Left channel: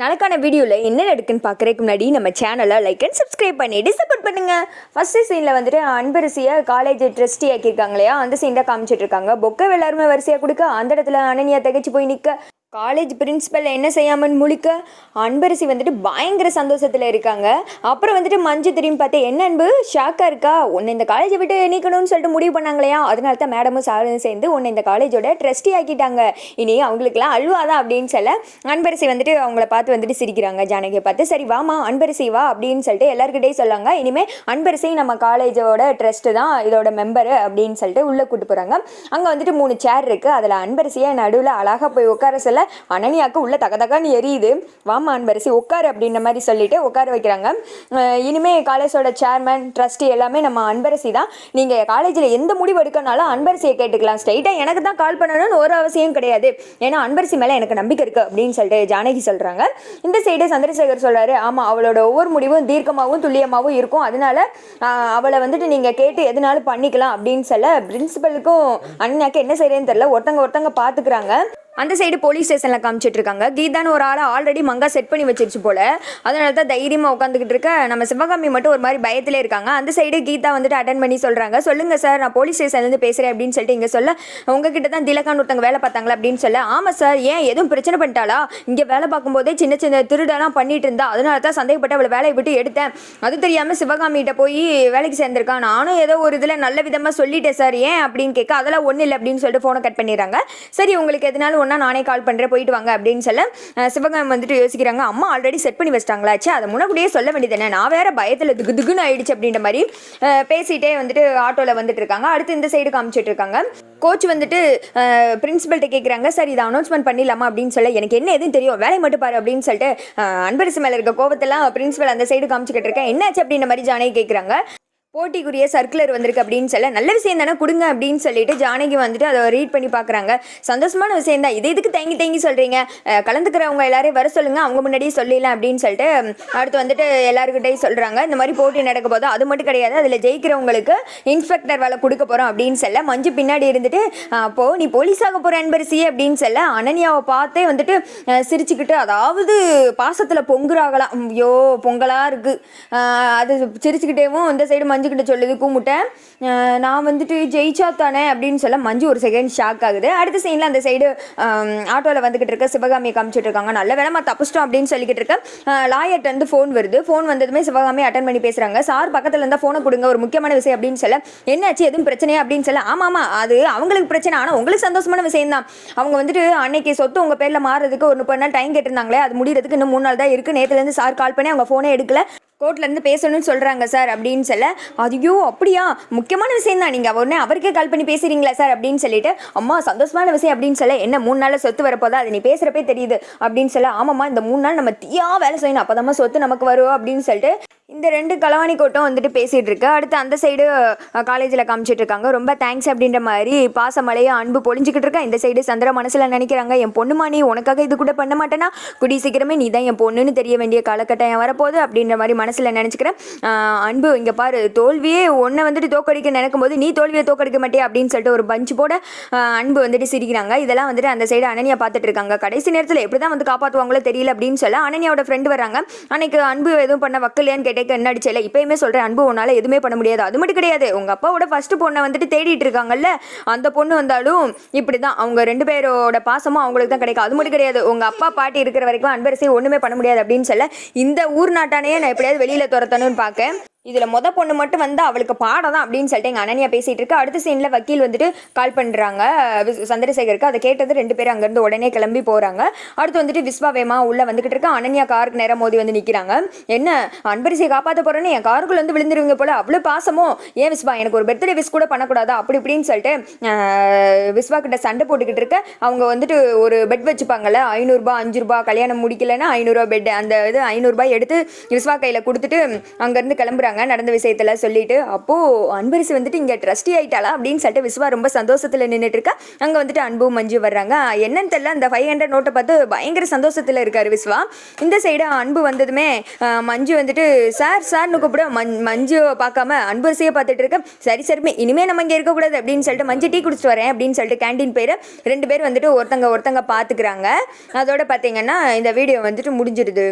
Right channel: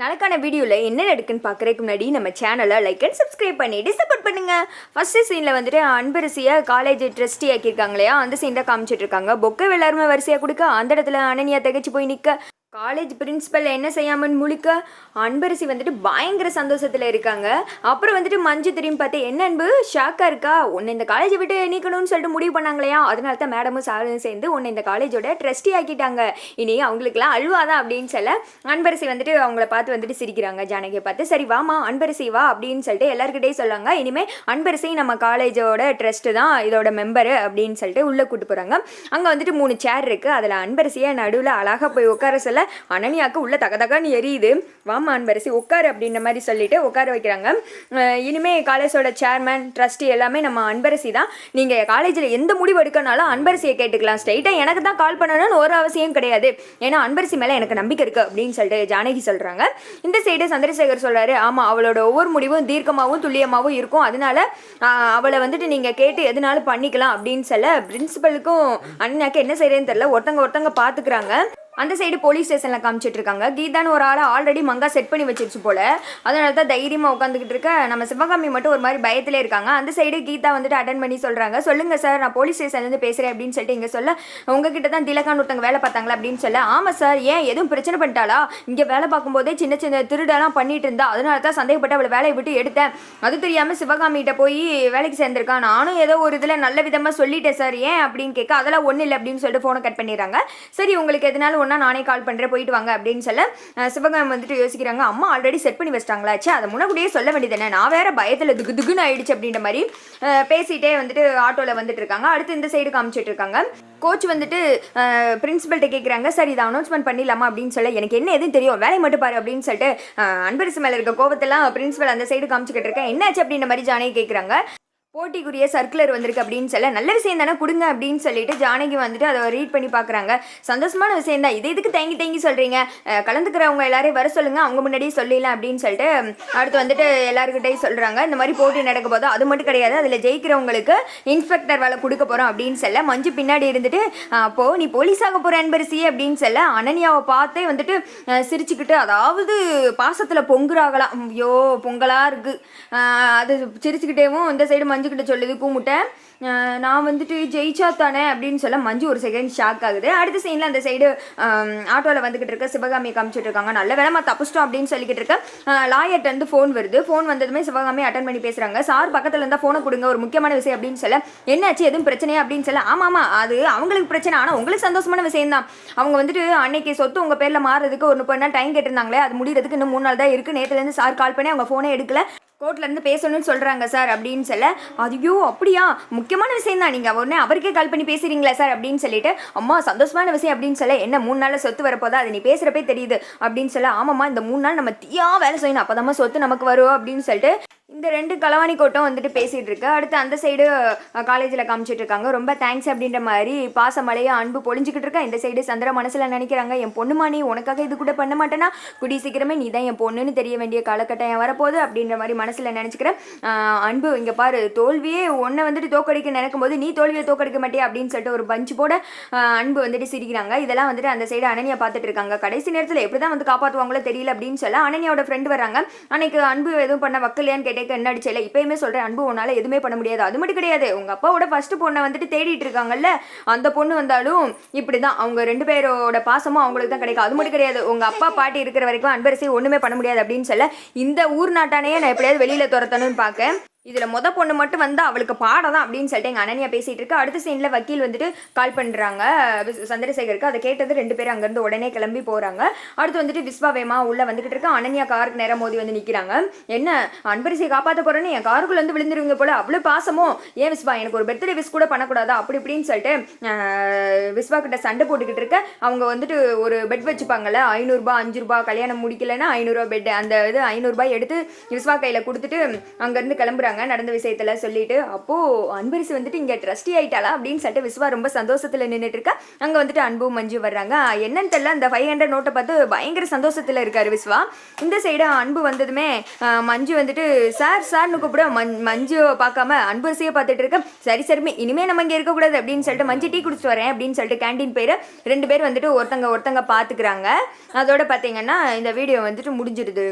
நாளைக்கான வீடியோவில் என்ன நடக்குன்னு பார்க்குறதுக்கு முன்னாடி நம்ம சேனலை லைக் அண்ட் சப்ஸ்கிரைப் பண்ணிட்டு சப்போர்ட் பண்ணுங்கள். ஃபஸ்ட்டு சீனில் வந்துட்டு அன்பரசியை காலேஜ் ட்ரஸ்டி ஆக்கியிருக்காங்க இல்லையா, அந்த சீன் தான் காமிச்சிட்டு இருக்காங்க. பொக்கை எல்லாருமே வரிசையாக கொடுக்க அந்த இடத்துல அனன்யா திகைச்சு போய் நிற்க காலேஜ் பிரின்ஸிபல் என்ன செய்யாமல் முழிக்க அன்பரசி வந்துட்டு பயங்கர சந்தோஷத்தில் இருக்காங்க. அப்புறம் வந்துட்டு மஞ்சு திரும்பி பார்த்து என்ன அன்பு ஷாக்காக இருக்கா, உன்னை இந்த காலேஜை விட்டு நீக்கணும்னு சொல்லிட்டு முடிவு பண்ணாங்களையா, அதனால தான் மேடமும் சாரும் சேர்ந்து உன்னை இந்த காலேஜோட ட்ரஸ்டி ஆக்கிட்டாங்க, இனி அவங்களுக்குலாம் அழுவாதான் அப்படின்னு சொல்ல அன்பரசி வந்துட்டு அவங்கள பார்த்து வந்துட்டு சிரிக்கிறாங்க. ஜானகியை பார்த்து சரி வாமா அன்பரசி வா அப்படின்னு சொல்லிட்டு எல்லாருக்கிட்டையும் சொல்லாங்க. இனிமேல் அன்பரசி நம்ம காலேஜோட ட்ரஸ்ட்டு தான், இதோட மெம்பரு அப்படின்னு சொல்லிட்டு உள்ளே கூட்டு போகிறாங்க. அங்கே வந்துட்டு 3 சேர் இருக்குது, அதில் அன்பரசியை நடுவில் அழகாக போய் உட்கார சொல்ல அனன்யாவுக்கு உள்ள தகன்னு எரியுது. வாமா அன்பரசி உட்காரு அப்படின்ற மாதிரி சொல்லிட்டு உட்கார வைக்கிறாங்க. இனிமே காலேஜோட சேர்மன் ட்ரஸ்டி எல்லாமே நம்ம அன்பரசி தான், நீங்கள் காலேஜில் எந்த முடிவு எடுக்கனாலும் அன்பரசியை கேட்டுக்கலாம், ஸ்ட்ரைட்டாக எனக்கு தான் கால் பண்ணணும்னு ஒரு அவசியம் கிடையாது, ஏன்னா அன்பரசி மேலே எனக்கு நம்பிக்கை இருக்குது அப்படின்னு சொல்லிட்டு ஜானகி சொல்கிறாங்க. இந்த சைடு சந்திரசேகர் சொல்கிறாரு, ஆமாம் அவளோட ஒவ்வொரு முடிவும் தீர்க்கமாகவும் துல்லியமாகவும் இருக்கும், அதனால அவளை வந்துட்டு நீங்கள் கேட்டு எதுனாலும் பண்ணிக்கலாம் அப்படின்னு சொல்ல பிரின்சிபலுக்கும் அண்ணாக்கு என்ன செய்யறதுன்னு தெரியல, ஒருத்தங்க பார்த்துக்கிறாங்க. அந்த சைடு போலீஸ் ஸ்டேஷனில் காமிச்சிட்டு இருக்காங்க. கீதான்னு ஒரு ஆளை ஆல்ரெடி மங்கா செட் பண்ணி வச்சிருச்சு போல, அதனால தான் தைரியமாக உட்காந்துக்கிட்டு இருக்க. நம்ம சிவகாமி மட்டும் ஒரு மாதிரி பயத்திலே இருக்காங்க. அந்த சைடு கீதா வந்துட்டு அட்டன் பண்ணி சொல்கிறாங்க, சொல்லுங்கள் சார் நான் போலீஸ் ஸ்டேஷன்லேருந்து பேசுகிறேன் அப்படின்னு சொல்லிட்டு இங்கே சொல்ல உங்ககிட்ட தான் திலகான்னு ஒருத்தங்க வேலை பார்த்தாங்களா அப்படின்னு சொல்ல ஆமாம் சார், ஏன் எதுவும் பிரச்சனை பண்ணிட்டாளா, இங்கே வேலை பார்க்கும்போதே சின்ன சின்ன திருடெல்லாம் பண்ணிட்டு இருந்தா, அதனால தான் சந்தேகப்பட்டு அவளை வேலையை விட்டு எடுத்தேன், அது தெரியாமல் சிவகாமிகிட்ட போய் வேலைக்கு சேர்ந்துருக்கான், நானும் ஏதோ ஒரு இதில் நல்ல விதமாக சொல்லிட்டேன் சார், ஏன் அப்படின்னு கேட்க அதெல்லாம் ஒன்றும் இல்லை அப்படின்னு சொல்லிட்டு ஃபோனை கட் பண்ணிடுறாங்க. சரி உங்களுக்கு எதனாலும் ஒன்றா நானே கால் பண்ணுறேன் போயிட்டு வாங்க அப்படின்னு சொல்ல சிவகாமி வந்துட்டு யோசிக்கிறாங்க, அம்மா ஆல்ரெடி செட் பண்ணி வச்சிட்டாங்களாச்சு, அதை முன்னாடியே சொல்ல வேண்டியதானே, நான் வேற பயத்தில் துகுன்னு ஆயிடுச்சு அப்படின்ற மாதிரி பேசிகிட்டே வந்துட்டு ஆட்டோவில் வந்துட்டு இருக்காங்க. அடுத்து இந்த சைடு காமிச்சிட்டு இருக்காங்க. கோச் வந்துட்டு பிரின்சிபல்கிட்ட கேட்குறாங்க, சார் இதை அனௌன்ஸ்மெண்ட் பண்ணிடலாமா அப்படின்னு சொல்ல எனக்கு என்ன எதுவும் தெரியும் வேலையை மட்டும் பாரு அப்படின்னு சொல்லிட்டு அன்பரசி மேலே இருக்க கோபத்தெல்லாம் பிரின்சிபல் அந்த சைடு காமிச்சிக்கிட்டு இருக்கேன். என்னாச்சு அப்படின்ற மாதிரி ஜானகி கேட்குறாங்க. போட்டிக்குரிய சர்க்குலர் வந்திருக்கு அப்படின்னு சொல்ல நல்ல விஷயம் தானே கொடுங்க அப்படின்னு சொல்லிட்டு ஜானகி வந்துட்டு அதை ரீட் பண்ணி பார்க்குறாங்க. சந்தோஷமான விஷயம் தான், இதுக்கு தேங்கி சொல்கிறீங்க, கலந்துக்கிறவங்க எல்லாரையும் வர சொல்லுங்கள், அவங்க முன்னாடியே சொல்லிடலாம் அப்படின்னு சொல்லிட்டு அடுத்து வந்துட்டு எல்லாருக்கிட்டையும் சொல்கிறாங்க. இந்த மாதிரி போட்டி நடக்க போதும், அது மட்டும் கிடையாது, அதில் ஜெயிக்கிறவங்களுக்கு இன்ஸ்பெக்டர் வேலை கொடுக்க போகிறோம் அப்படின்னு சொல்ல மஞ்சு பின்னாடி இருந்துட்டு அப்போது நீ போலீஸாக போகிற அன்பரசி அப்படின்னு சொல்ல அனன்யாவை பார்த்தே வந்துட்டு சிரிச்சுக்கிட்டு, அதாவது பாசத்தில் பொங்குறாகலாம், ஐயோ பொங்கலாக இருக்குது, அது சிரிச்சுக்கிட்டேவும் இந்த சைடு மஞ்சு கிட்ட சொல்லுது கூமுட்டை, நான் வந்துட்டு ஜெயிச்சா தானே அப்படின்னு சொல்ல மஞ்சு ஒரு செகண்ட் ஷாக் ஆகுது. அடுத்த சீனில் அந்த சைடு ஆட்டோவில் வந்துக்கிட்டு இருக்க சிவகாமியை காமிச்சிட்டு இருக்காங்க. நல்ல வேலைமா தப்பிச்சிட்டோம் அப்படின்னு சொல்லிக்கிட்டு இருக்க லாயர்ட்ட வந்து ஃபோன் வருது. ஃபோன் வந்ததுமே சிவகாமி அட்டன் பண்ணி பேசுகிறாங்க. சார் பக்கத்தில் இருந்தால் ஃபோனை கொடுங்க, ஒரு முக்கியமான விஷயம் அப்படின்னு சொல்ல என்னாச்சு எதுவும் பிரச்சனையா அப்படின்னு சொல்ல ஆமாம் அது அவங்களுக்கு பிரச்சனை, ஆனால் உங்களுக்கு சந்தோஷமான விஷயம் தான், அவங்க வந்துட்டு அன்னைக்கு சொத்து உங்கள் பேரில் மாறுறதுக்கு ஒரு 30 நாள் டைம் கேட்டிருந்தாங்களே, அது முடிகிறதுக்கு இன்னும் 3 நாள் தான் இருக்குது, நேற்றுலேருந்து சார் கால் பண்ணி அவங்க ஃபோனே எடுக்கல, கோர்ட்லேருந்து பேசணும்னு சொல்கிறாங்க சார் அப்படின்னு சொல்ல ஐயோ அப்படியா முக்கியமான விஷயம் தான், நீங்கள் உடனே அவருக்கே கால் பண்ணி பேசுகிறீங்களா சார் அப்படின்னு சொல்லிட்டு அம்மா சந்தோஷமான விஷயம் அப்படின்னு சொல்ல என்ன 3 நாளில் சொத்து வரப்போதா, அது நீ பேசுகிறப்பே தெரியுது அப்படின்னு சொல்ல ஆமாம்மா இந்த 3 நாள் நம்ம தீயா வேலை செய்யணும், அப்போ தான் சொத்து நமக்கு வரும் அப்படின்னு சொல்லிட்டு இந்த 2 களவாணி கோட்டம் வந்துட்டு பேசிகிட்டு இருக்கு. அடுத்து அந்த சைடு காலேஜில் காமிச்சிட்டு இருக்காங்க. ரொம்ப தேங்க்ஸ் அப்படின்ற மாதிரி பாசமலையை அன்பு பொழிஞ்சிக்கிட்டு இருக்கா. இந்த சைடு சந்திர மனசில் நினைக்கிறாங்க, என் பொண்ணுமா நீ உனக்காக இது கூட பண்ண மாட்டேன்னா கூடி சீக்கிரமே நீ தான் என் பொண்ணுன்னு தெரிய வேண்டிய காலகட்டம் வரப்போகுது அப்படின்ற மாதிரி மனசில் நினச்சிக்கிறேன். அன்பு இங்கே பாரு, தோல்வியே உன்னை வந்துட்டு தோக்கடிக்க நினைக்கும் போது நீ தோல்வியை தோக்கடிக்க மாட்டியா அப்படின்னு சொல்லிட்டு ஒரு பஞ்சு போட அன்பு வந்துட்டு சிரிக்கிறாங்க. இதெல்லாம் வந்துட்டு அந்த சைடு அனன்யா பார்த்துட்டு இருக்காங்க. கடைசி நேரத்தில் எப்படி தான் வந்து காப்பாற்றுவாங்களோ தெரியல அப்படின்னு சொல்ல அனன்யாவோட ஃப்ரெண்டு வராங்க. அன்னைக்கு அன்பு எதுவும் பண்ண வக்கலையான்னு கேட்டேன், என்ன அடிச்சல, இப்பயுமே சொல்கிறேன் அன்பு உன்னால் எதுவுமே பண்ண முடியாது, அது மட்டும் கிடையாது உங்கள் அப்பாவோட ஃபஸ்ட்டு பொண்ணை வந்துட்டு தேடிட்டு இருக்காங்கல்ல, அந்த பொண்ணு வந்தாலும் இப்படி தான் அவங்க 2 பேரோட பாசமும் அவங்களுக்கு தான் கிடைக்கும், அது மட்டும் கிடையாது உங்கள் அப்பா பாட்டி இருக்கிற வரைக்கும் அன்பரசி ஒன்றுமே பண்ண முடியாது அப்படின்னு சொல்ல இந்த ஊர் நாட்டானையே நான் எப்படியாவது வெளியில் துரத்தணும்னு பார்க்க இதில் பொண்ணு மட்டும் வந்து அவளுக்கு பாடம் தான் அப்படின்னு சொல்லிட்டு எங்கள் அனன்யா பேசிகிட்டு இருக்கு. அடுத்த சீனில் வக்கீல் வந்துட்டு கால் பண்ணுறாங்க சந்திரசேகருக்கு. அதை கேட்டது 2 பேரும் அங்கேருந்து உடனே கிளம்பி போகிறாங்க. அடுத்து வந்துட்டு விஸ்வா வேமா உள்ளே வந்துக்கிட்டு இருக்கா. அனன்யா காருக்கு நேரம் மோதி வந்து நிற்கிறாங்க. என்ன அன்பரசியை காப்பாற்ற போகிறேன்னு என் காருக்குள்ளே வந்து விழுந்துருவீங்க போல், அவ்வளோ பாசமோ, ஏன் விஸ்வா எனக்கு ஒரு பர்த்டே விஷ் கூட பண்ணக்கூடாதா அப்படி இப்படின்னு சொல்லிட்டு விஸ்வா கிட்ட சண்டை போட்டுக்கிட்டு இருக்க. அவங்க வந்துட்டு ஒரு பெட் வச்சுப்பாங்கல்ல, 500 ரூபாய் 5 ரூபாய் கல்யாணம் முடிக்கலைன்னா 500 ரூபா பெட், அந்த இது 500 ரூபாய் எடுத்து விஸ்வா கையில் கொடுத்துட்டு அங்கேருந்து கிளம்புறாங்க. வந்துடுறாங்க நடந்த விஷயத்தெல்லாம் சொல்லிட்டு. அப்போது அன்பரசி வந்துட்டு இங்கே ட்ரஸ்டி ஆகிட்டாளா அப்படின்னு சொல்லிட்டு விஸ்வா ரொம்ப சந்தோஷத்தில் நின்றுட்டு இருக்கா. அங்கே வந்துட்டு அன்பு மஞ்சு வர்றாங்க. என்னன்னு தெரியல, அந்த 500 நோட்டை பார்த்து பயங்கர சந்தோஷத்தில் இருக்கார் விஸ்வா. இந்த சைடு அன்பு வந்ததுமே மஞ்சு வந்துட்டு சார்னு கூப்பிட மஞ்சுவை பார்க்காம அன்பரசியை பார்த்துட்டு இருக்க. சரி இனிமேல் நம்ம இங்கே இருக்கக்கூடாது அப்படின்னு சொல்லிட்டு மஞ்சு டீ குடிச்சிட்டு வரேன் அப்படின்னு சொல்லிட்டு கேண்டீன் போயிரு. 2 பேர் வந்துட்டு ஒருத்தங்க பார்த்துக்கிறாங்க. அதோட பார்த்தீங்கன்னா இந்த வீடியோ வந்துட்டு முடிஞ்சிருது.